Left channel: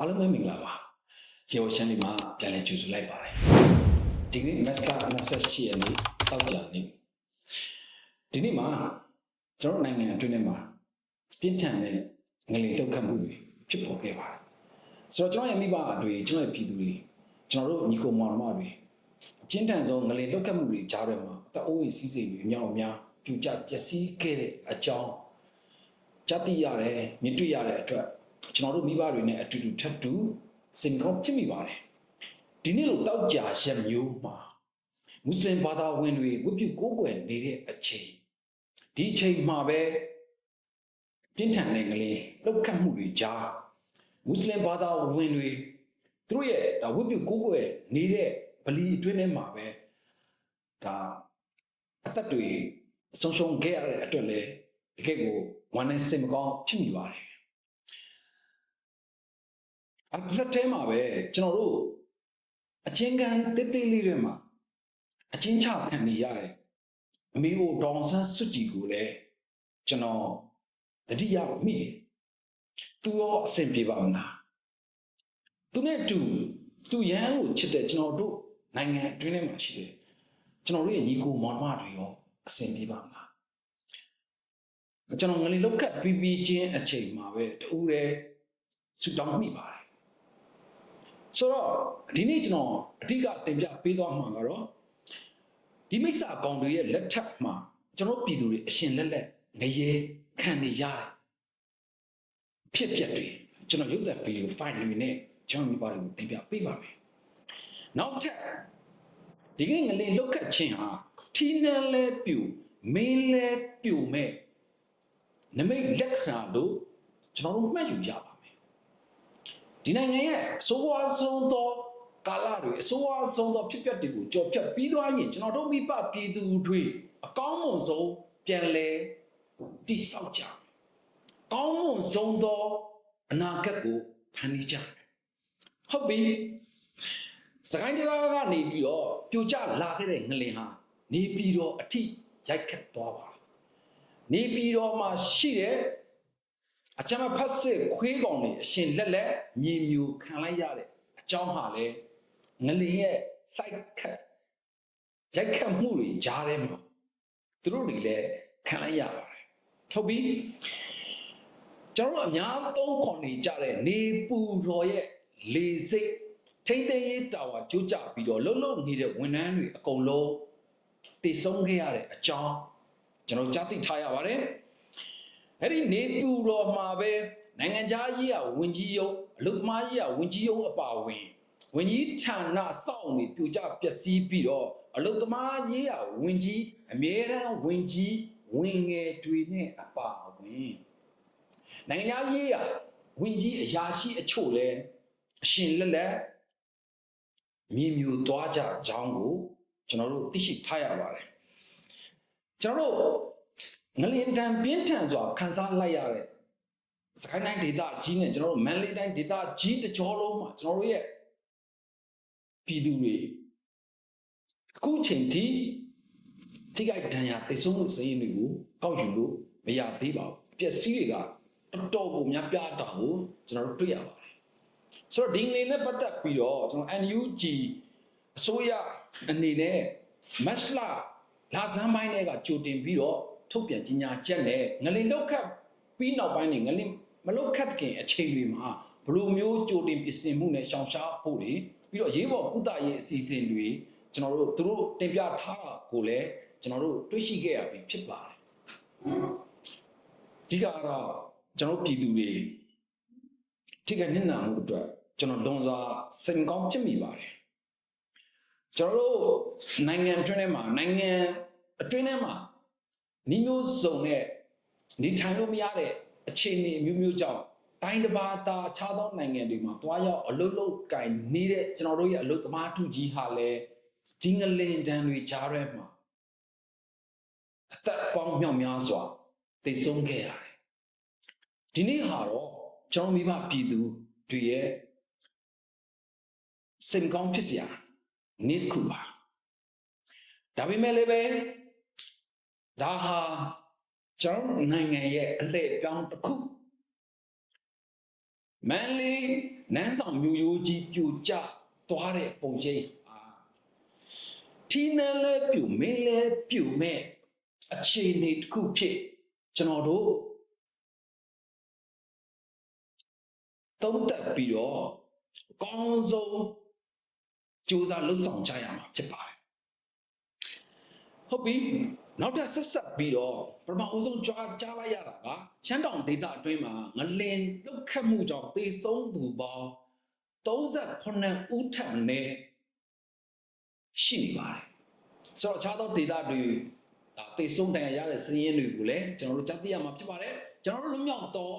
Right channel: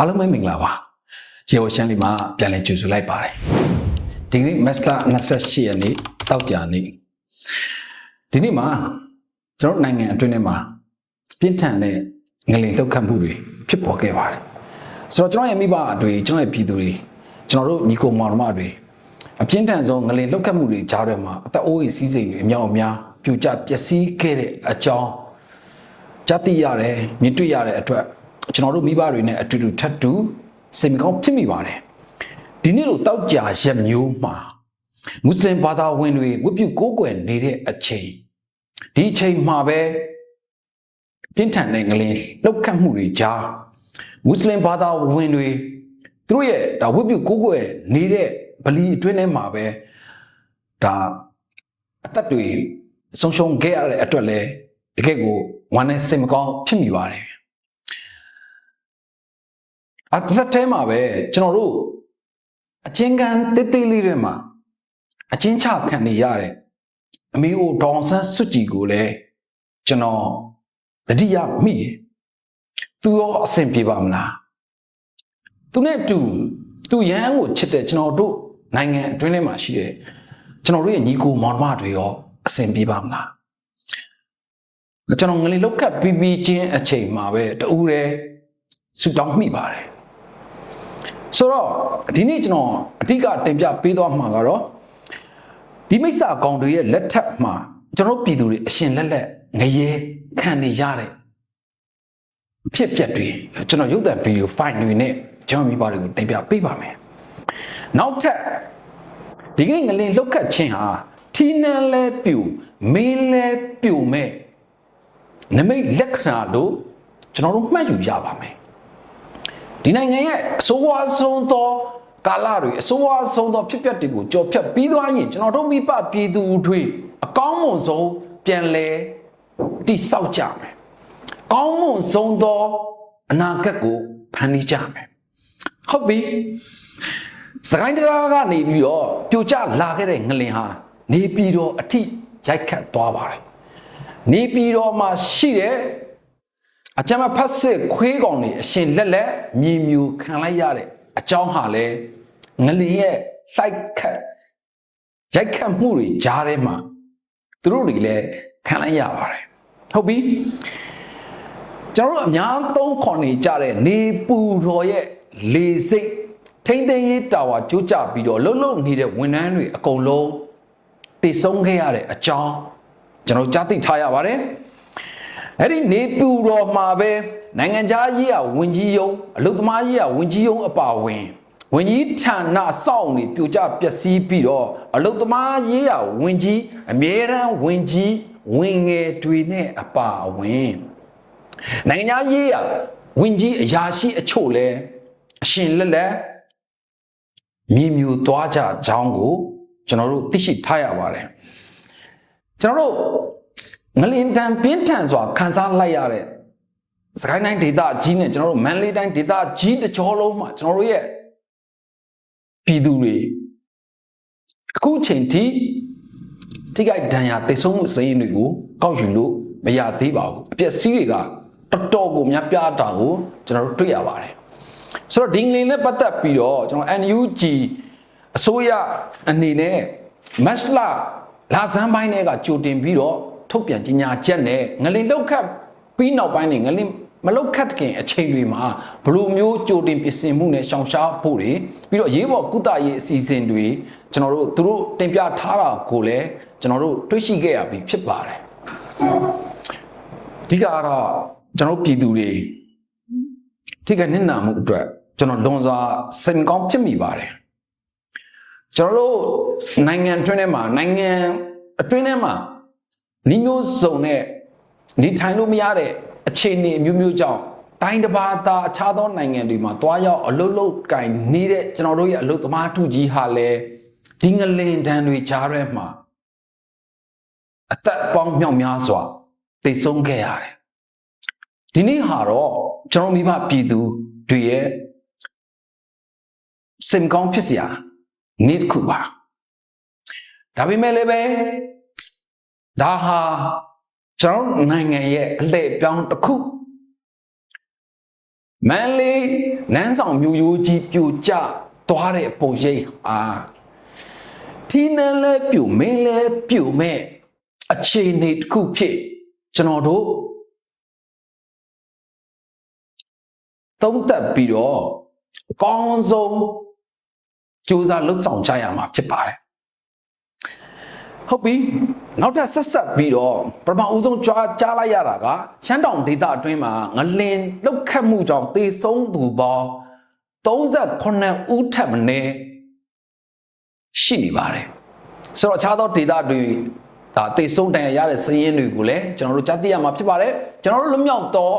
အားလုံးပဲမင်္ဂလာပါရေဝရှမ်းလေးမှာပြန်လည်ကြိုဆိုလိုက်ပါတယ်ဒီနေ့မတ်လ28ရက်နေ့တောက်ကြနေ့ဒီနေ့မှာကျွန်တော်တို့နိုင်ငံအတွင်းထဲမှာပြင်းထန်တဲ့ငလင်လှုပ်ခတ်မှုတွေဖြစ်ပေါ်ခဲ့ပါတယ်ဆိုတော့ကျွန်တော်ရဲ့မိဘတွေကျွန်တော်ရဲ့ပြည်သူတွေကျွန်တော်တို့ညီကိုမောင်နှမတွေအပြင်းထန်ဆုံးငလင်လှုပ်ခတ်မှုတွေကြားထဲမှာအသက်အိုးအိမ်စီးစိမ်တွေအများအများပြိုကျပျက်စီးခဲ့တဲ့အကြောင်းကြားသိရတယ်မြင်တွေ့ရတဲ့အတွက် ကျွန်တော်တို့မိဘတွေနဲ့အတူတူထပ်တူစိတ်မကောင်းဖြစ်မိပါတယ်ဒီနေ့လိုတောက်ကြရက်မျိုးမှာမွတ်စလင်ဘာသာဝင်တွေဝတ်ပြုကိုးကွယ်နေတဲ့အချိန်ဒီအချိန်မှာပဲပြင်းထန်တဲ့ငလင်လောက်ခတ်မှုတွေကြားမွတ်စလင်ဘာသာဝင်တွေသူတို့ရဲ့ဒါဝတ်ပြုကိုးကွယ်နေတဲ့ဗလီအတွင်းထဲမှာပဲဒါအသက်တွေဆုံးရှုံးခဲ့ရတဲ့အတွက်လည်းတကယ့်ကိုဝမ်းနဲ့စိတ်မကောင်းဖြစ်မိပါတယ် အတစ်ထဲမှာပဲကျွန်တော်တို့အချင်းကန်တိတ်တိတ်လေးတွေမှာအချင်းချခံနေရတဲ့အမေအိုဒေါအောင်ဆန်းစွတ်ကြည်ကိုလည်းကျွန်တော်တတိယမိတယ်သူရောအဆင်ပြေပါမလားသူနဲ့အတူသူရဟန်းကိုချစ်တဲ့ကျွန်တော်တို့နိုင်ငံအတွင်းထဲမှာရှိတဲ့ကျွန်တော်တို့ရဲ့ညီကိုမောင်နှမတွေရောအဆင်ပြေပါမလားကျွန်တော်ငလေးလောက်ကပ်ပြီးပြီးချင်းအချိန်မှာပဲတူးတယ်ဆူတောင်းမိပါတယ် ဆိုတော့ဒီနေ့ကျွန်တော်အဓိကတင်ပြပေးသွားမှာကတော့ဒီမိစ္ဆာကောင်တွေရဲ့လက်ထက်မှာကျွန်တော်ပြည်သူတွေအရှင်လက်လက်ငရေခံနေရတဲ့ဖြစ်ပျက်တွေကျွန်တော်ရုပ်သံဗီဒီယိုဖိုင်တွေနဲ့ကျွန်တော်မိဘတွေကိုတင်ပြပေးပါမယ်နောက်ထပ်ဒီကနေ့ငလင်လှုပ်ခတ်ခြင်းဟာထီးနှန်းလဲပြူမေးလဲပြူမဲ့နမိတ်လက္ခဏာလို့ကျွန်တော်တို့မှတ်ယူရပါမယ် ဒီနိုင်ငံရဲ့အဆိုးဝါးဆုံးသောကာလတွေအဆိုးဝါးဆုံးသောဖြစ်ပျက်တွေကိုကြော်ဖြတ်ပြီးသွားရင်ကျွန်တော်တို့မိဘပြည်သူတွေအကောင်းမွန်ဆုံးပြန်လဲတိဆောက်ကြမယ်ကောင်းမွန်ဆုံးသောအနာဂတ်ကိုဖန်တီးကြမယ်ဟုတ်ပြီစကိုင်းတရားကနေပြီးတော့ပြိုကျလာခဲ့တဲ့ငလင်ဟာနေပြည်တော်အထိရိုက်ခတ်သွားပါတယ်နေပြည်တော်မှာရှိတဲ့ အကြမ်းဖတ်စစ်ခွေးကောင်တွေအရှင်လက်လက်မြည်မြူခံလိုက်ရတဲ့အကြောင်းဟာလဲငလင်ရဲ့လိုက်ခတ်ရိုက်ခတ်မှုတွေကြားထဲမှာသူတို့တွေလည်းခံလိုက်ရပါတယ်ဟုတ်ပြီကျွန်တော်တို့အများသုံးခွန်နေကြတဲ့နေပူတော်ရဲ့လေစိတ်ထိမ့်သိမ်းရေးတာဝါကြိုးကြပြီးတော့လှုပ်လှုပ်နေတဲ့ဝန်ထမ်းတွေအကုန်လုံးတည်ဆုံးခဲ့ရတဲ့အကြောင်းကျွန်တော်ကြားသိထားရပါတယ် အဲ့ဒီနေပူတော်မှာပဲနိုင်ငံခြားရေးရဝန်ကြီးယုံအလုသမားရေးရဝန်ကြီးယုံအပါဝင်ဝန်ကြီးဌာနစောင့်နေပြိုကျပျက်စီးပြီးတော့အလုသမားရေးရဝန်ကြီးအမြဲတမ်းဝန်ကြီးဝင်ငယ်တွေနဲ့အပါဝင်နိုင်ငံသားရေးရဝင်ကြီးအရာရှိအချို့လဲအရှင်လက်လက်မြည်မြူသွားကြကြောင်းကိုကျွန်တော်တို့သိရှိထားရပါတယ်ကျွန်တော်တို့ ငလင်တန်ပြင်းထန်စွာခန်းစားလိုက်ရတဲ့စကိုင်းတိုင်းဒေသကြီးနဲ့ကျွန်တော်တို့မန္တလေးတိုင်းဒေသကြီးတစ်ကြောလုံးမှာကျွန်တော်တို့ရဲ့ပြည်သူတွေအခုချိန်ထိထိခိုက်ဒဏ်ရာတိတ်ဆုံးမှုစည်းတွေကိုကောက်ယူလို့မရသေးပါဘူးအပျက်စီးတွေကတော်တော်ကိုများပြားတာကိုကျွန်တော်တို့တွေ့ရပါတယ်ဆိုတော့ဒီငလင်နဲ့ပတ်သက်ပြီးတော့ကျွန်တော် NUG အစိုးရအနေနဲ့မတ်လလာဇန်ပိုင်းတွေကကြိုတင်ပြီးတော့ ထုတ်ပြန်ကြေညာချက်နဲ့ငလင်လောက်ခတ်ပြီးနောက်ပိုင်းနေငလင်မလောက်ခတ်ခင်အချိန်တွေမှာဘလိုမျိုးကြိုတင်ပြင်ဆင်မှုနဲ့ရှောင်ရှားဖို့တွေပြီးတော့ရေးပေါ်ကုသရေးအစီအစဉ်တွေကျွန်တော်တို့သူတို့တင်ပြထားတာကိုလည်းကျွန်တော်တို့တွေ့ရှိခဲ့ရပြီဖြစ်ပါတယ်အဓိကကတော့ကျွန်တော်တို့ပြည်သူတွေထိခိုက်နစ်နာမှုအတွက်ကျွန်တော်လွန်စွာစိတ်မကောင်းဖြစ်မိပါတယ်ကျွန်တော်တို့နိုင်ငံအတွင်းထဲမှာနိုင်ငံအတွင်းထဲမှာ နီးမျိုးစုံနဲ့နေထိုင်လို့မရတဲ့အခြေအနေအမျိုးမျိုးကြောင့်တိုင်းတစ်ပါးသားအခြားသောနိုင်ငံတွေမှာတွားရောက်အလုတ်လုတ်ကင်နေတဲ့ကျွန်တော်တို့ရဲ့အလုတ်သမားထုကြီးဟာလည်းဒီငလင်တန်းတွေကြားထဲမှာအသက်ပေါင်းမြောက်များစွာသိဆုံးခဲ့ရတယ်ဒီနေ့ဟာတော့ကျွန်တော်မိဘပြည်သူတွေရဲ့စင်ကောင်းဖြစ်စရာနေ့တစ်ခုပါဒါပေမဲ့လည်းပဲ ဒါဟာကျွန်တော်နိုင်ငံရဲ့အလှည့်ပြောင်းတစ်ခုမန်လေးနန်းဆောင်မြို့ရိုးကြီးပြိုကျသွားတဲ့ပုံရိပ်အာထီးနန်းလဲပြိုမင်းလဲပြိုမဲ့အခြေအနေတစ်ခုဖြစ်ကျွန်တော်တို့သုံးသက်ပြီးတော့အကောင်းဆုံးကြိုးစားလှုပ်ဆောင်ကြရမှာဖြစ်ပါတယ်ဟုတ်ပြီ နောက်ထပ်ဆက်ဆက်ပြီးတော့ပထမဦးဆုံးကြွားကြားလိုက်ရတာကရှမ်းတောင်ဒေသအတွင်းမှာငလင်လောက်ခတ်မှုကြောင့်သေဆုံးသူပေါင်း38ဦးထပ်မင်းရှိနေပါတယ်ဆိုတော့အခြားသောဒေသတွေဒါသေဆုံးတန်ရာရတဲ့စည်ရင်းတွေကိုလည်းကျွန်တော်တို့ကြားသိရမှာဖြစ်ပါတယ်ကျွန်တော်တို့လွတ်မြောက်သော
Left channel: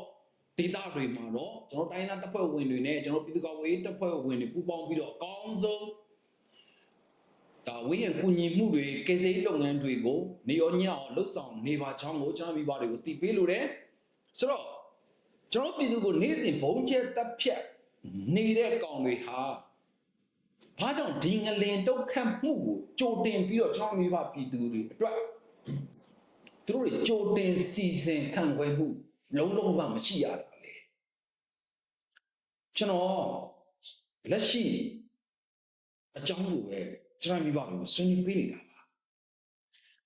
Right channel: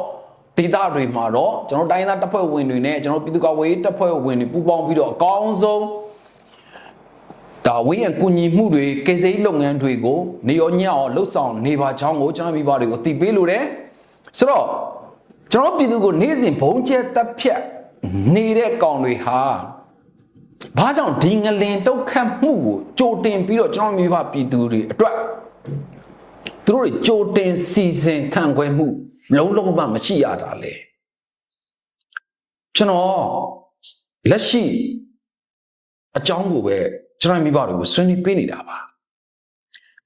ဒေသတွေမှာတော့ကျွန်တော်တိုင်းသားတပ်ဖွဲ့ဝင်တွေနဲ့ကျွန်တော်ပြည်သူ့ကာကွယ်ရေးတပ်ဖွဲ့ဝင်တွေပူးပေါင်းပြီးတော့အကောင်းဆုံး ဒါဝင်းရကူညီမှုတွေကေစိလုပ်ငန်းတွေကိုနေရောညအောင်လှုပ်ဆောင်နေပါချောင်းကိုကျွန်တော်မိဘတွေကိုတည်ပေးလို့တယ်ဆိုတော့ကျွန်တော်ပြည်သူကိုနေ့စဉ်ဘုံကျဲတက်ဖြတ်နေတဲ့ကောင်တွေဟာဘာကြောင့်ဒီငလင်တုတ်ခတ်မှုကိုကြိုတင်ပြီးတော့ကျွန်တော်မိဘပြည်သူတွေအတွက်သူတို့တွေကြိုတင်စီစဉ်ခံခွဲမှုလုံးလုံးမှမရှိရတာလေကျွန်တော်လက်ရှိအကြောင်းကိုပဲ ကျွန်တော်မိဘတွေကိုဆွေးနွေးပေးနေတာပါ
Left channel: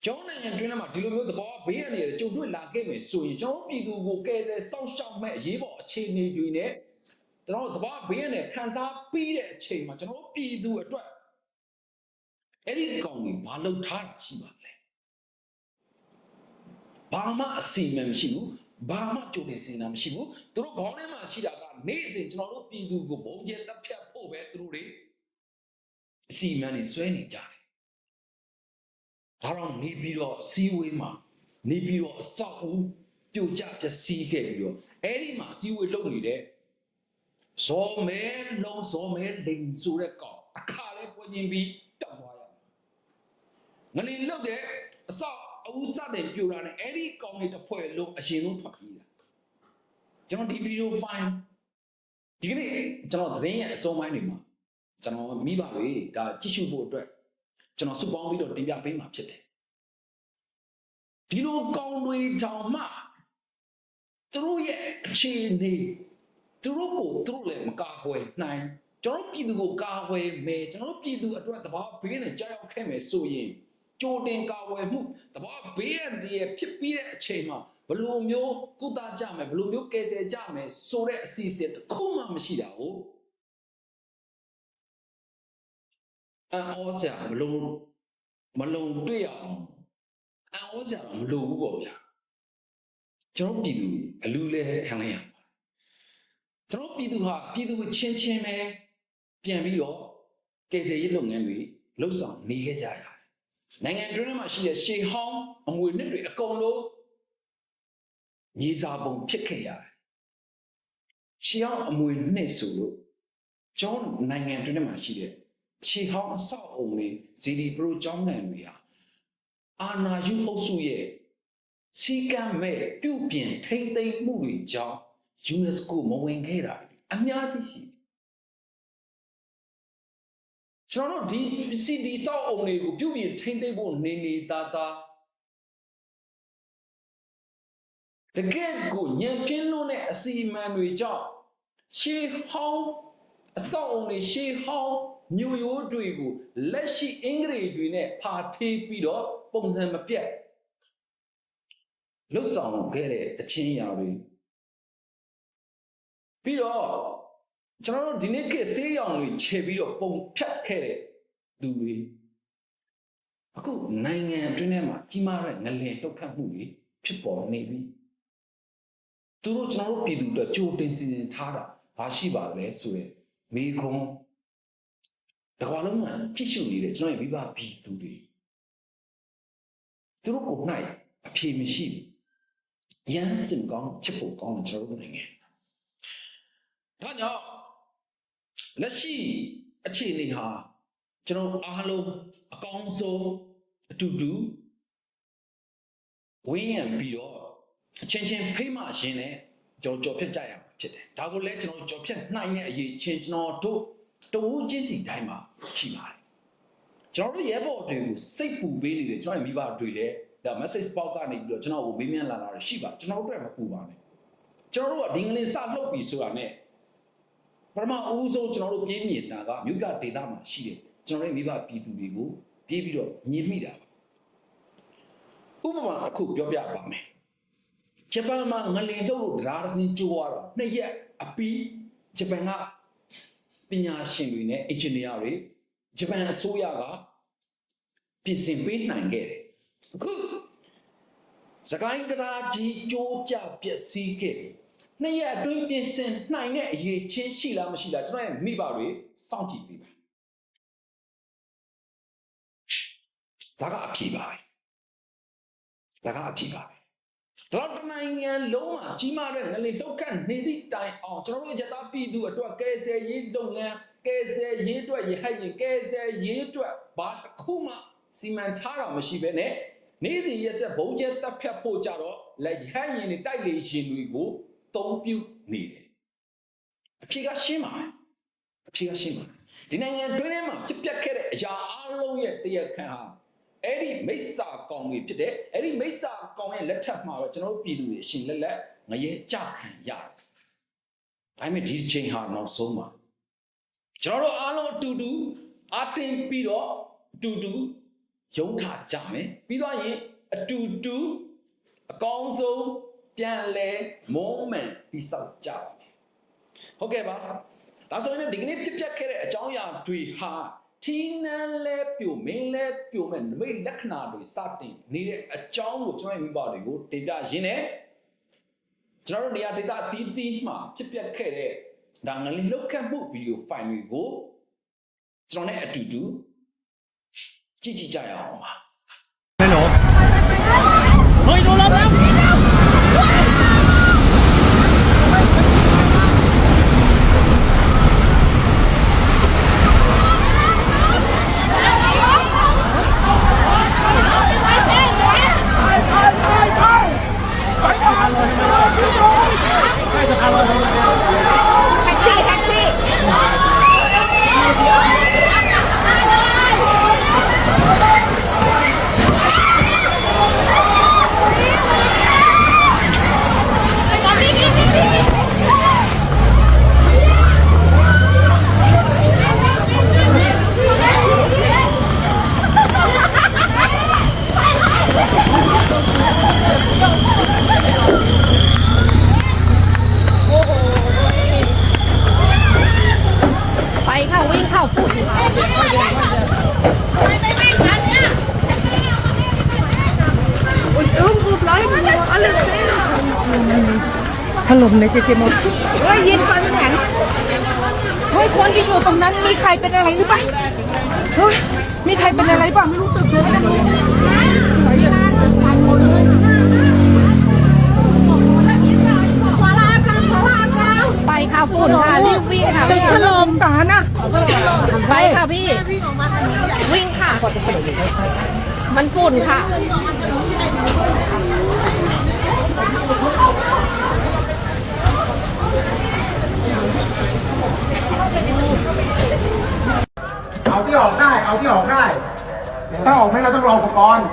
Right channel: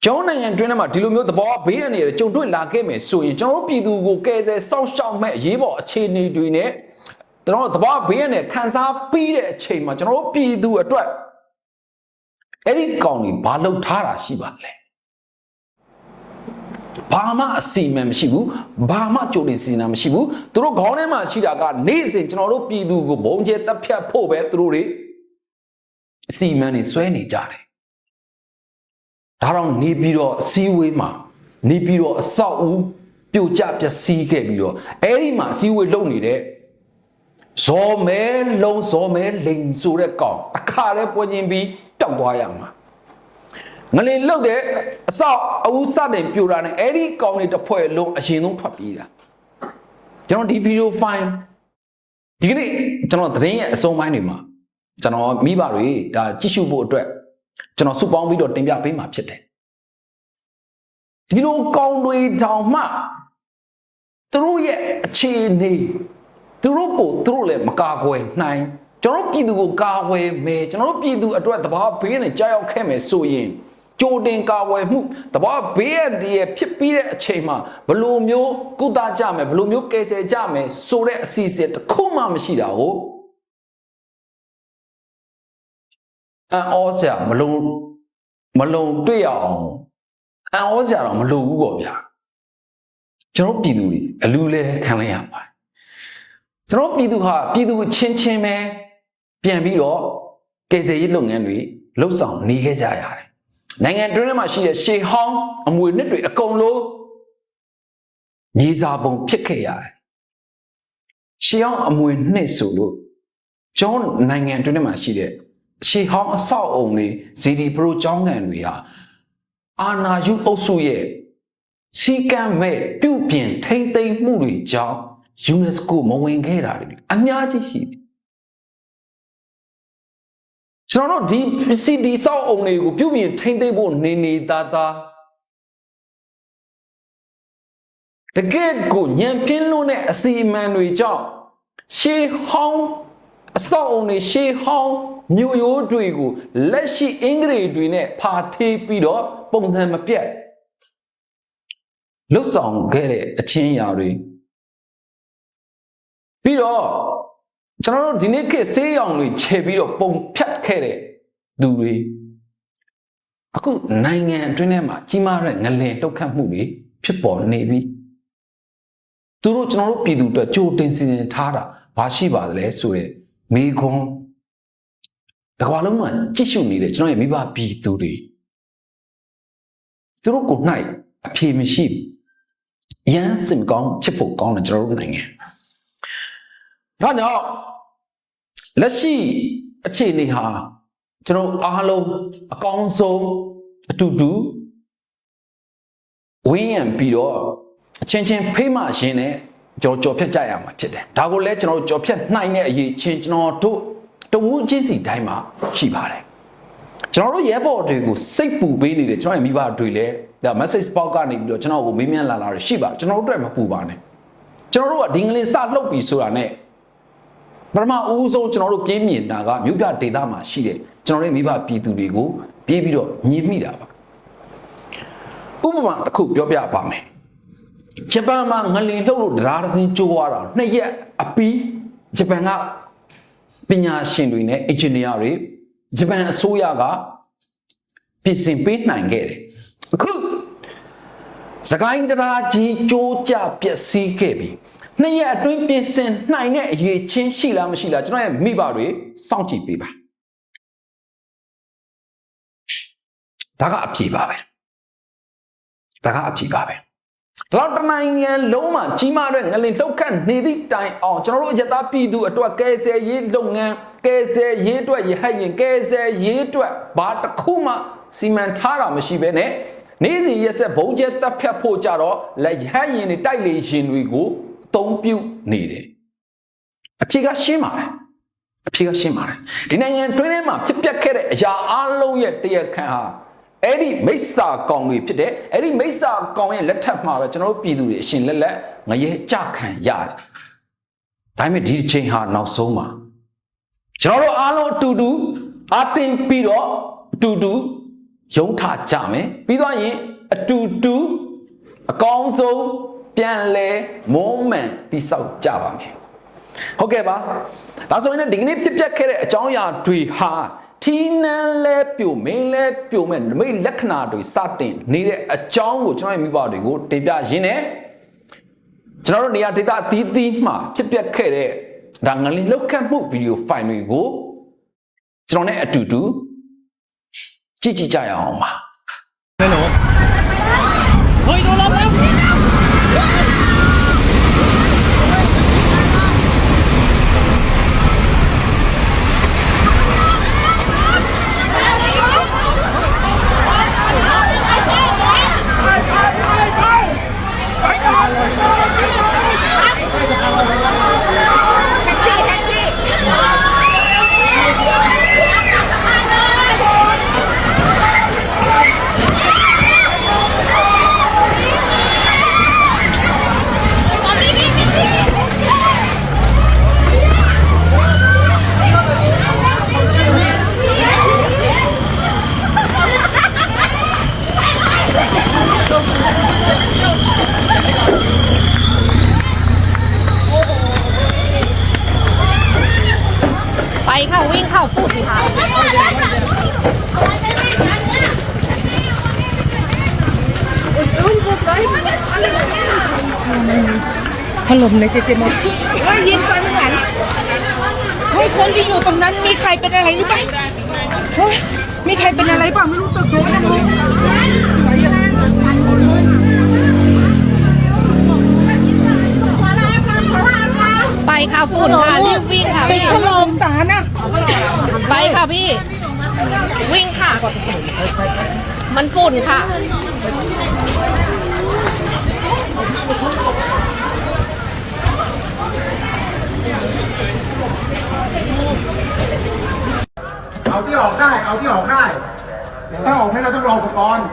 ကျောင်းနိုင်ငံတွင်းထဲမှာဒီလိုမျိုးသဘောဘေးရန်တွေကြုံတွေ့လာခဲ့မယ်ဆိုရင်ကျွန်တော်တို့ပြည်သူကိုကယ်ဆယ်စောင့်ရှောက်မဲ့အရေးပေါ်အခြေအနေတွေနဲ့ကျွန်တော်တို့သဘောဘေးရန်တွေခန်းစားပြီးတဲ့အချိန်မှာကျွန်တော်တို့ပြည်သူအတွက်အဲ့ဒီကောင်တွေဘာလုပ်ထားတာရှိပါလဲဘာမှအစီအမံမရှိဘူးဘာမှကြိုတင်စီစဉ်တာမရှိဘူးသူတို့ခေါင်းထဲမှာရှိတာကနေ့စဉ်ကျွန်တော်တို့ပြည်သူကိုဘုံကျဲတပ်ဖြတ်ဖို့ပဲသူတို့တွေ အစီအမံတွေဆွဲနေကြတယ်ဒါတော့နေပြီးတော့အစည်းအဝေးမှာနေပြီးတော့အဆောက်အဦပြိုကျပျက်စီးခဲ့ပြီးတော့အဲ့ဒီမှာအစည်းအဝေးလုပ်နေတဲ့ဇော်မဲလုံးဇော်မဲလိန်ဆိုတဲ့ကောင်အခါလဲပွင့်ချင်းပြီးတောက်သွားရမှာငလင်လုတ်တဲ့အဆောက်အဦစတင်ပြိုတာနဲ့အဲ့ဒီကောင်တွေတစ်ဖွဲ့လုံးအရင်ဆုံးထွက်ပြေးတာကျွန်တော်ဒီဗီဒီယိုဖိုင်ဒီကနေ့ကျွန်တော်သတင်းရဲ့အဆုံးပိုင်းတွေမှာ ကျွန်တော်မိဘတွေဒါကြည့်ရှုဖို့အတွက်ကျွန်တော်စုပေါင်းပြီးတော့တင်ပြပေးမှာဖြစ်တယ်ဒီလိုကောင်းတွေတောင်မှသူတို့ရဲ့အခြေအနေသူတို့ကိုသူတို့လည်းမကာကွယ်နိုင်ကျွန်တော်ပြည်သူကိုကာကွယ်မယ်ကျွန်တော်ပြည်သူအတွက်တဘာဘေးနဲ့ကြောက်ရောက်ခဲ့မယ်ဆိုရင်ကြိုတင်ကာကွယ်မှုတဘာဘေးရတည်းဖြစ်ပြီးတဲ့အချိန်မှာဘလို့မျိုးကုသကြမယ်ဘလို့မျိုးကယ်ဆယ်ကြမယ်ဆိုတဲ့အစီအစဉ်တစ်ခုမှမရှိတာကို အန်ဩစရာမလုံမလုံတွေ့ရအောင်အန်ဩစရာတော့မလုံဘူးပေါ့ဗျာကျွန်တော်ပြည်သူတွေအလူလဲခံလိုက်ရပါတယ်ကျွန်တော်ပြည်သူဟာပြည်သူချင်းချင်းပဲပြန်ပြီးတော့ကယ်ဆယ်ရေးလုပ်ငန်းတွေလှုပ်ဆောင်နေခဲ့ကြရတယ်နိုင်ငံတွင်းထဲမှာရှိတဲ့ရှေဟောင်းအမွေနှစ်တွေအကုန်လုံးမြေစာပုံဖြစ်ခဲ့ရတယ်ရှေဟောင်းအမွေနှစ်ဆိုလို့ကျွန်တော်နိုင်ငံတွင်းထဲမှာရှိတဲ့ ရှေဟောင်းအဆောက်အုံတွေဇီဒီပရိုကျောင်းကန်တွေဟာအာနာယုအုပ်စုရဲ့စီကံမဲ့ပြုပြင်ထိမ့်သိမ်းမှုတွေကြောင့် UNESCO မဝင်ခဲ့တာတွေအများကြီးရှိတယ်ကျွန်တော်တို့ဒီစီဒီဆောက်အုံတွေကိုပြုပြင်ထိမ့်သိမ်းဖို့နေနေသားသားတကယ့်ကိုညံပြင်းလို့တဲ့အစီအမံတွေကြောင့်ရှေဟောင်းအစောက်အုံတွေရှေးဟောင်း မြို့ရိုးတွေကိုလက်ရှိအင်္ဂလိပ်တွေနဲ့ဖာထေးပြီးတော့ပုံစံမပြတ်လွတ်ဆောင်ခဲ့တဲ့အချင်းအရာတွေပြီးတော့ကျွန်တော်တို့ဒီနေ့ခေတ်ဆေးရောင်တွေခြေပြီးတော့ပုံဖြတ်ခဲ့တဲ့သူတွေအခုနိုင်ငံအတွင်းထဲမှာကြီးမားတဲ့ငလင်လှုပ်ခတ်မှုတွေဖြစ်ပေါ်နေပြီသူတို့ကျွန်တော်တို့ပြည်သူအတွက်ကြိုတင်စီစဉ်ထားတာဘာရှိပါသလဲဆိုတဲ့မိခွန်း တကွာလုံးမှာကြည့်ရှုနေတဲ့ကျွန်တော်ရဲ့မိဘပြည်သူတွေသူတို့ကို၌အဖြေမရှိဘူးရမ်းစင်ကောင်းဖြစ်ဖို့ကောင်းတယ်ကျွန်တော်တို့နိုင်ငံဒါကြောင့်လက်ရှိအခြေအနေဟာကျွန်တော်အားလုံးအကောင်းဆုံးအတူတူဝင်းရံပြီးတော့အချင်းချင်းဖိမရှင်းနဲ့ကြော်ကြော်ဖြတ်ကြရမှာဖြစ်တယ်ဒါကိုလည်းကျွန်တော်တို့ကြော်ဖြတ်နိုင်တဲ့အရေးချင်းကျွန်တော်တို့ တဝူးချင်းစီတိုင်းမှာရှိပါတယ်ကျွန်တော်တို့ရဲဘော်တွေကိုစိတ်ပူပေးနေတယ်ကျွန်တော်ရဲ့မိဘတွေလည်းဒါ message box ကနေပြီးတော့ကျွန်တော်ကိုမေးမြန်းလာလာရရှိပါကျွန်တော်တို့အတွက်မပူပါနဲ့ကျွန်တော်တို့ကဒီငလင်စလှုပ်ပြီဆိုတာနဲ့ပထမအဦးဆုံးကျွန်တော်တို့ပြေးမြင်တာကမြို့ပြဒေသမှာရှိတဲ့ကျွန်တော်တို့မိဘပြည်သူတွေကိုပြေးပြီးတော့ညှင်မိတာပါဥပမာတစ်ခုပြောပြပါမယ်ဂျပန်မှာငလင်လှုပ်လို့တရားတစ်စင်းကျိုးသွားတာနှစ်ရက်အပီးဂျပန်က ပညာရှင်တွေနဲ့အင်ဂျင်နီယာတွေဂျပန်အစိုးရကပြင်ဆင်ပေးနိုင်ခဲ့တယ်အခုစကိုင်းတရားကြီးကြိုးကြပျက်စီးခဲ့ပြီနှစ်ရက်အတွင်းပြင်ဆင်နိုင်တဲ့အရေးချင်းရှိလားမရှိလားကျွန်တော်ရဲ့မိဘတွေစောင့်ကြည့်ပေးပါဒါကအဖြေပါပဲဒါကအဖြေပါပဲဒီ လောက်တနိုင်ငံလုံးမှာကြီးမားတဲ့ငလင်လှုပ်ခတ်နေသည့်တိုင်အောင်ကျွန်တော်တို့ရသပြည်သူအတွက်ကဲဆယ်ရေးလုပ်ငန်းကဲဆယ်ရေးအတွက်ရဟတ်ရင်ကဲဆယ်ရေးအတွက်ဘာတစ်ခုမှစီမံထားတာမရှိဘဲနဲ့နေ့စဉ်ရက်ဆက်ဘုံကျဲတပ်ဖြတ်ဖို့ကြတော့လက်ရဟတ်ရင်တွေတိုက်လေရင်တွေကိုအသုံးပြုနေတယ်အဖြေကရှင်းပါတယ်အဖြေကရှင်းပါတယ်ဒီနိုင်ငံတွင်းထဲမှာဖြစ်ပျက်ခဲ့တဲ့အရာအလုံးရဲ့တရားခံဟာ အဲ့ဒီမိစ္ဆာကောင်တွေဖြစ်တဲ့အဲ့ဒီမိစ္ဆာကောင်ရဲ့လက်ထက်မှာပဲကျွန်တော်တို့ပြည်သူတွေအရှင်လက်လက်ငရဲကြခံရတယ်ဒါပေမဲ့ဒီအချိန်ဟာနောက်ဆုံးပါကျွန်တော်တို့အားလုံးအတူတူအတင်ပြီးတော့အတူတူရုံးထကြမယ်ပြီးတော့ရင်အတူတူအကောင်းဆုံးပြန်လဲမုံမှန်တိဆောက်ကြပါမယ်ဟုတ်ကဲ့ပါဒါဆိုရင်လည်းဒီကနေ့ဖြစ်ပျက်ခဲ့တဲ့အကြောင်းအရာတွေဟာ ထီးနန်းလဲပြိုမင်းလဲပြိုမဲ့နမိတ်လက္ခဏာတွေစတင်နေတဲ့အကြောင်းကိုကျွန်တော်ရဲ့မိဘတွေကိုတင်ပြရင်းနဲ့ကျွန်တော်တို့နေရာဒေသအသီးသီးမှာဖြစ်ပျက်ခဲ့တဲ့ဒါငလင်လောက်ခတ်မှုဗီဒီယိုဖိုင်တွေကိုကျွန်တော်နဲ့အတူတူကြည့်ကြည့်ကြရအောင်ပါမဲနော်ဟို ถล่มในเจเจมดเฮ้ยยินฟันหลังเฮ้ยคนที่อยู่ตรงนั้นมีใครเป็นอะไรหรือเปล่าเฮ้ยมีใครเป็นอะไรบ้างไม่รู้ตึกโดนนะลูกไปค่ะฝุ่นค่ะรีบวิ่งค่ะตึกพี่ถล่มสารนะไปค่ะพี่ วิ่งค่ะ มันฝุ่นค่ะ เอาที่ออกได้ เอาที่ออกได้ ถ้าออกไม่เราต้องรออุปกรณ์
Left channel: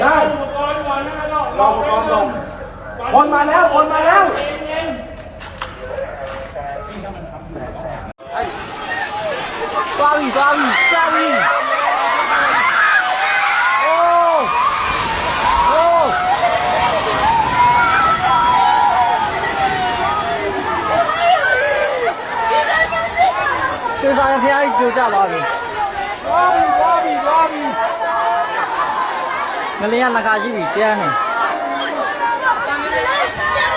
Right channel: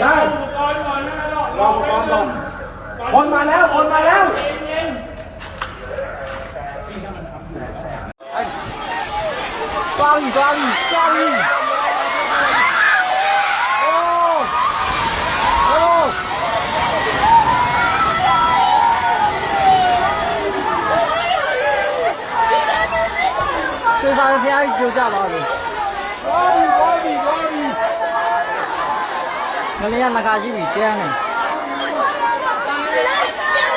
ใช่อุปกรณ์ก่อนนะรออุปกรณ์ลงคนมาแล้วคนมาแล้วกล้องกล้องกล้อง တော့ဖះကြီးကြိုကြပါပြီသွားပြီသွားပြီသွားပြီငလင်းကနှခါရှိပြီတန်းနေ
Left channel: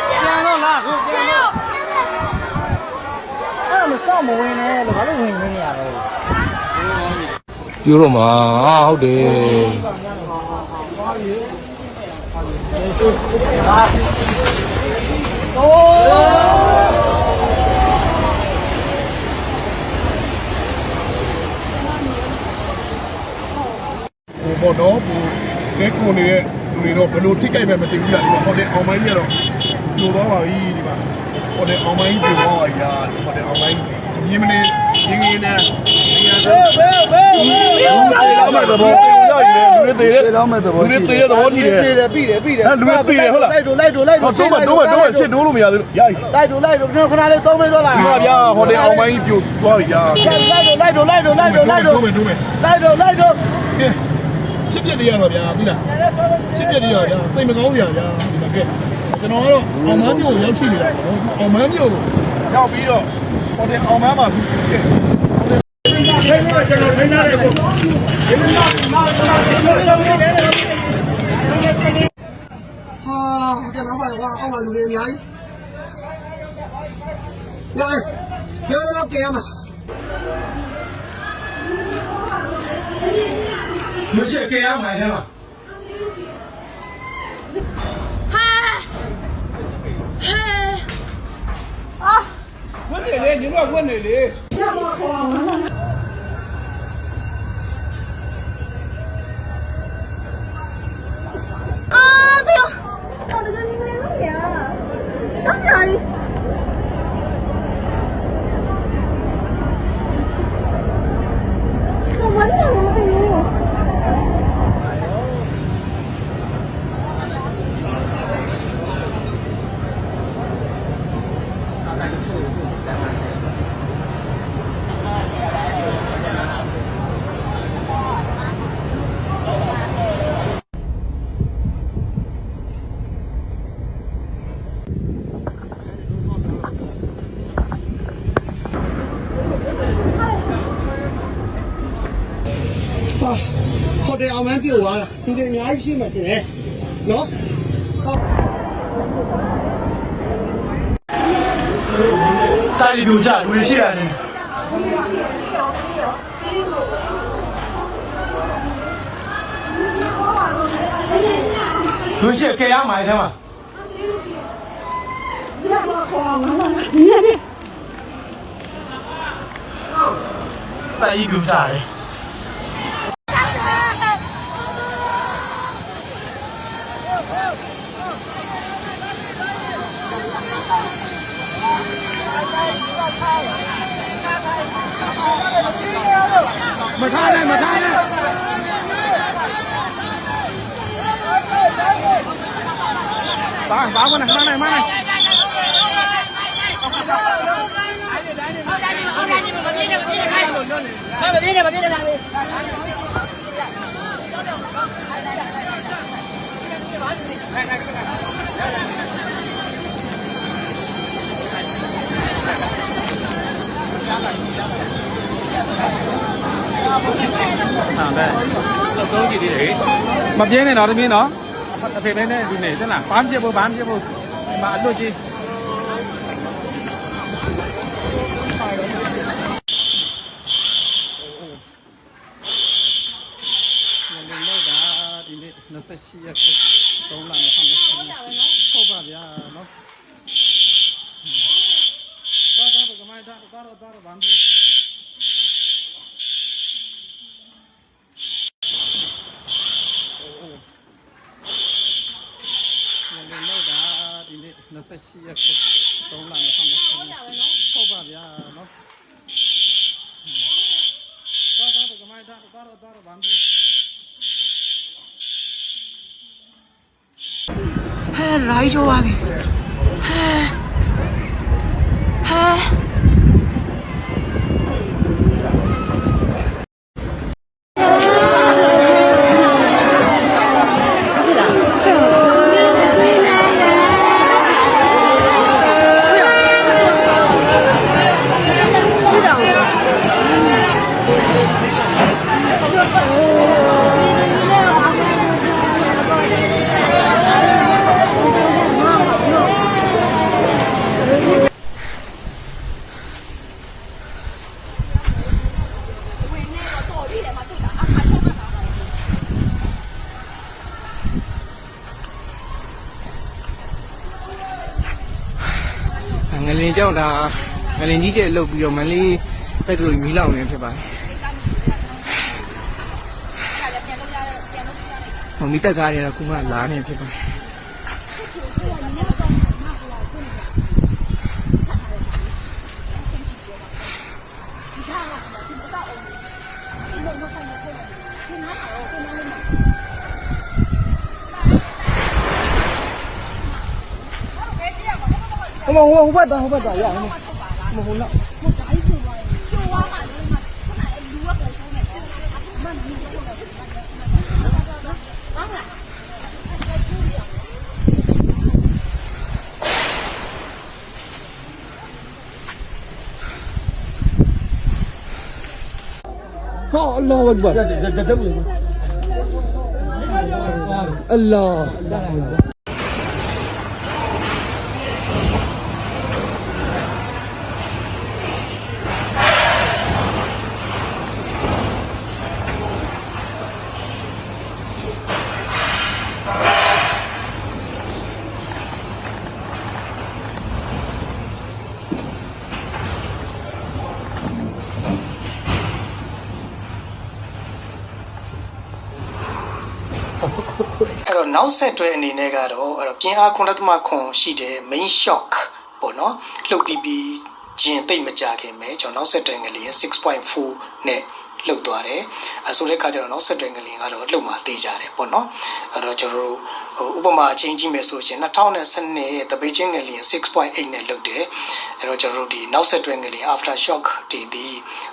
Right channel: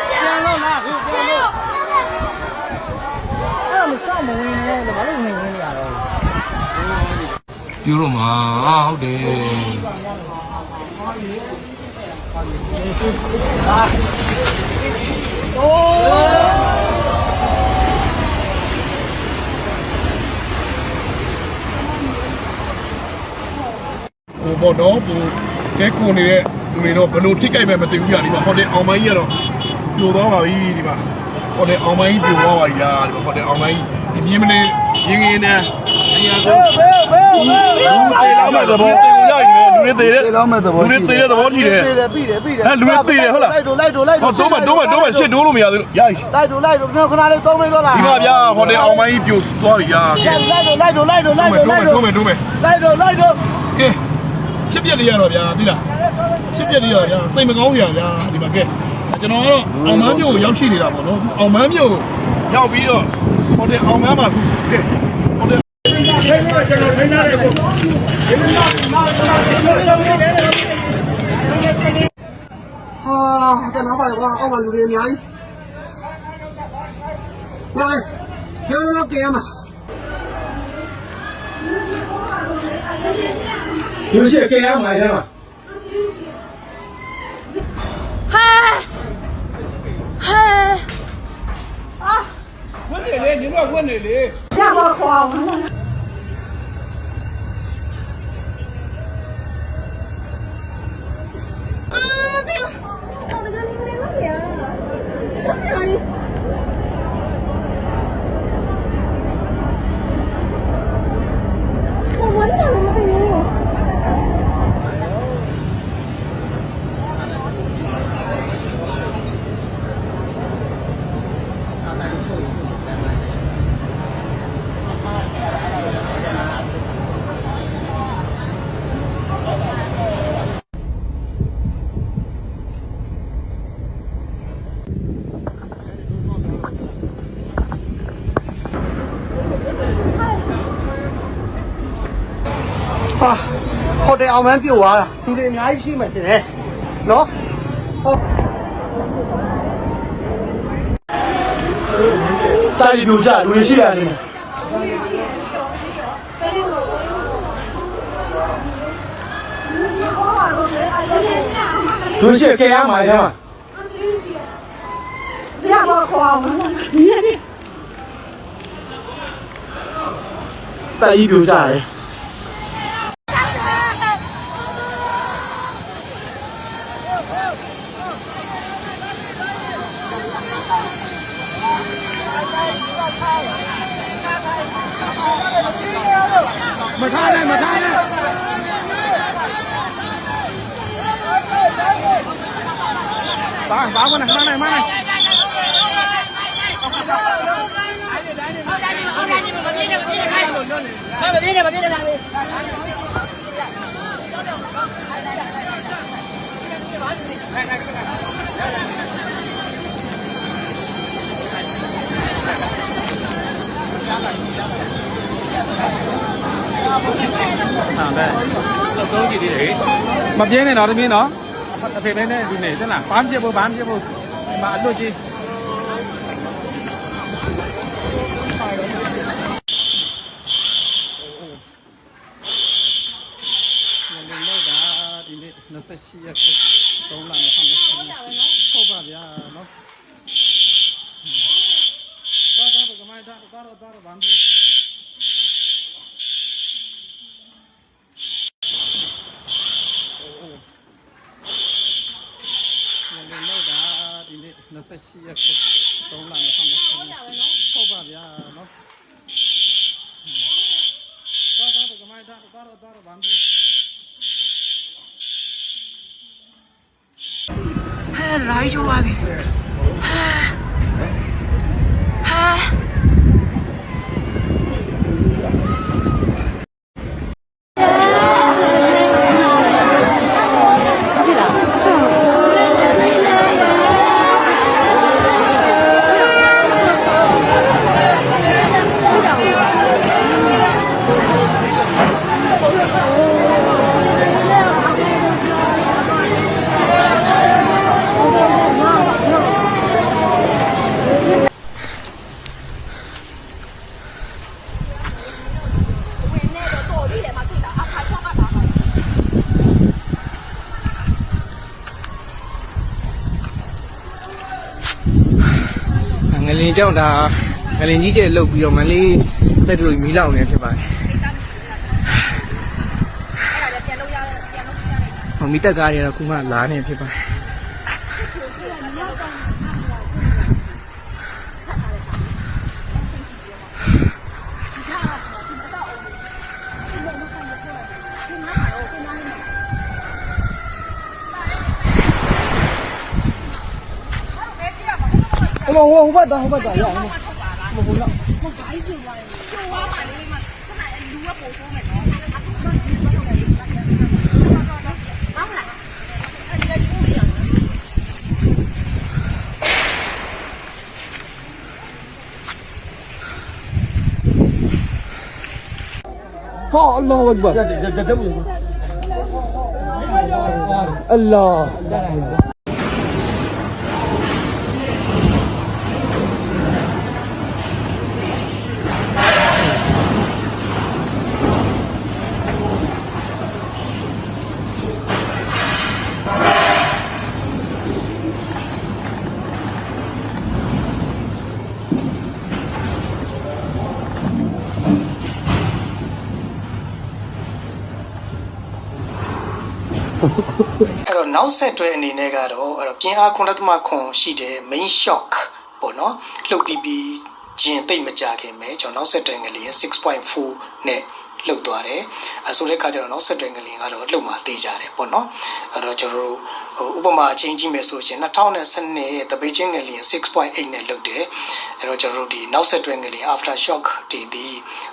ပြန်တော့လားခုပြန်တော့အဲ့မစောင့်မဝင်နဲ့လို့ဘာလို့ဝင်နေရတော့ပြောတော့မှာဟုတ်တယ် ပေါ့နော်ဟိုကဲကိုနေတဲ့လူတွေတော့ဘယ်လိုထိကြိုက်ပဲမသိဘူးကြာဒီမှာဟိုတယ်အောင်မိုင်းကြီးကတော့ပြိုသွားပါပြီဒီမှာဟိုတယ်အောင်မိုင်းကြီးပြိုသွားပါပြီလားဒီမှာဟိုတယ်အောင်မိုင်းကြီးမြင်းမနေရင်းရင်းနဲ့နေရာဆုံးလူတွေလာမှသဘောရည်လေလူတွေတွေသေးတယ်လောမဲ့သဘောလူတွေသေးတဲ့သဘောရှိတယ်ပြီးတယ်ပြီးတယ်ပြီးတယ်ဟဲ့လူတွေသေးတယ်ဟုတ်လားလိုက်တို့လိုက်တို့လိုက်ဟောတိုးမတိုးမတိုးမရှစ်တိုးလို့မရသေးလို့ရပြီလိုက်တို့လိုက်တို့ကျွန်တော်ခဏလေးသုံးမိတော့လားဒီမှာဗျာဟိုတယ်အောင်မိုင်းပြိုသွားပြီဗျာလိုက်တို့လိုက်တို့လိုက်တို့လိုက်တို့လိုက်တို့တိုးမယ်တိုးမယ်လိုက်တို့လိုက်တို့ကဲ ချစ်ပြက်လေးရတော့ဗျာသိလားချစ်ပြက်လေးရဗျာစိတ်မကောင်းစရာဗျာဒီမှာကဲကျွန်တော်ကတော့အောင်မန်းမြို့ကိုရောက်ရှိနေတာပေါ့နော်အောင်မန်းမြို့ကိုရောက်ပြီးတော့ဟိုတယ်အောင်မန်းမှာကဲဟိုတယ်ကျွန်တော်ထိုင်ရတယ်ကိုဟာတနာပါကွာအောက်မှာလူတွေအများကြီးဝိုင်းဘယ်လိုကြည့်ရမှာ ရုပ်ရှင်ကဲရမှာအဲမှာဟာဟာအာဝင်နေလေညီမဝင်နေလေကြပါခေါ်အောင် တင်အောင်မန်းပြိုသွားတာလူတွေအများကြီးရှိမှရှင်လေနော်တိုက်ပြိုကြလူတွေရှိတာနေလူရှိခင်ရမိုင်ထဲမှာဆရာမခေါ်အောင်နော်ညနေတိုက်ပြိုကြတယ် မပြင်းနဲ့တော့တမင်းနော်အဖေပဲနဲ့ဒီနေ့တက်လားဘာမှပြဖို့ဘာမှပြဖို့ဒီမှာအလွတ်ကြီးလောက်တာဒီနေ့28ရက်3လ2020ဟုတ်ပါဗျာနော်တော့တော့ကမိုင်းတော့တော့တော့ဘာမှ လည်းလောက်တာဒီနေ့ 28ရက်3လ2020ဟုတ်ပါဗျာနော်တော့တော့ကမိုင်းတော့တော့တော့ဘာမှဟဲရိုင်းချိုးပါပြီဟဲဟဲ ကြောင့်ဒါငလင်ကြီးကျဲလုတ်ပြီးတော့မလေးတက်တူမီးလောင်နေဖြစ်ပါတယ်ဟိုမီတက်ကားတွေကတော့ခုမှလာနေဖြစ်ပါတယ် ဟိုဟိုဟိုဘက်တော့ဟိုဘက်တော့ရအောင်ဟိုဟိုတော့ဟာအလ္လာ နောက်ဆက်တွဲအနေနဲ့ကတော့အဲ့တော့ပြင်းအား9လက်မခွန်ရှိတဲ့ main shock ပေါ့နော်လှုပ်ပြီးပြီးဂျင်သိမ့်မကြခင်ပဲကျွန်တော်နောက်ဆက်တွဲငလျင်6.4နဲ့လှုပ်သွားတယ်အဲဆိုတဲ့အခါကျတော့နောက်ဆက်တွဲငလျင်ကတော့လှုပ်မှသေးကြတယ်ပေါ့နော်အဲ့တော့ကျွန်တော်တို့ဟိုဥပမာအချင်းကြည့်မယ်ဆိုရင်2012ရဲ့တပိတ်ချင်းငလျင်6.8နဲ့လှုပ်တယ်အဲ့တော့ကျွန်တော်တို့ဒီနောက်ဆက်တွဲငလျင် after shock ဒီဒီ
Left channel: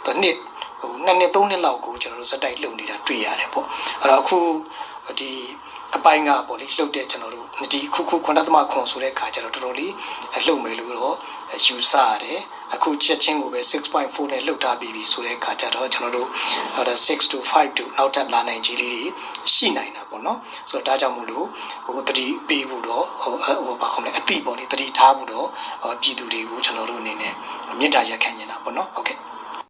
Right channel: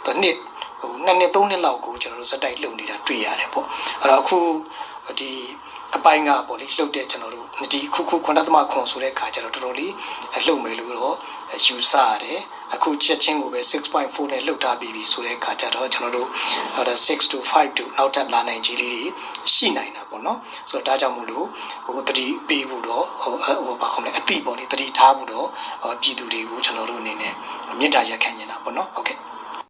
the nit ဟိုနှစ်နှစ်သုံးနှစ်လောက်ကိုကျွန်တော်တို့စက်တိုက်လှုပ်နေတာတွေ့ရတယ်ပေါ့အဲ့တော့အခုဒီ အပိုင်းကပေါ့လေလှုပ်တဲ့ကျွန်တော်တို့ဒီခုခုခွန်တသမခွန်ဆိုတဲ့ခါကျတော့တော်တော်လေးလှုပ်မယ်လို့တော့ယူဆရတယ်အခုချက်ချင်းကိုပဲ6.4နဲ့လှုပ်ထားပြီးပြီဆိုတဲ့ခါကျတော့ကျွန်တော်တို့ဟို6 to 5 to နောက်ထပ်လာနိုင်ကြီးလေးတွေရှိနိုင်တာပေါ့နော်ဆိုတော့ဒါကြောင့်မို့လို့ဟိုတတိပေးဖို့တော့ဟိုဟိုဘာခေါ်လဲအတိပေါ့လေတတိထားဖို့တော့ပြည်သူတွေကိုကျွန်တော်တို့အနေနဲ့မေတ္တာရက်ခံနေတာပေါ့နော်ဟုတ်ကဲ့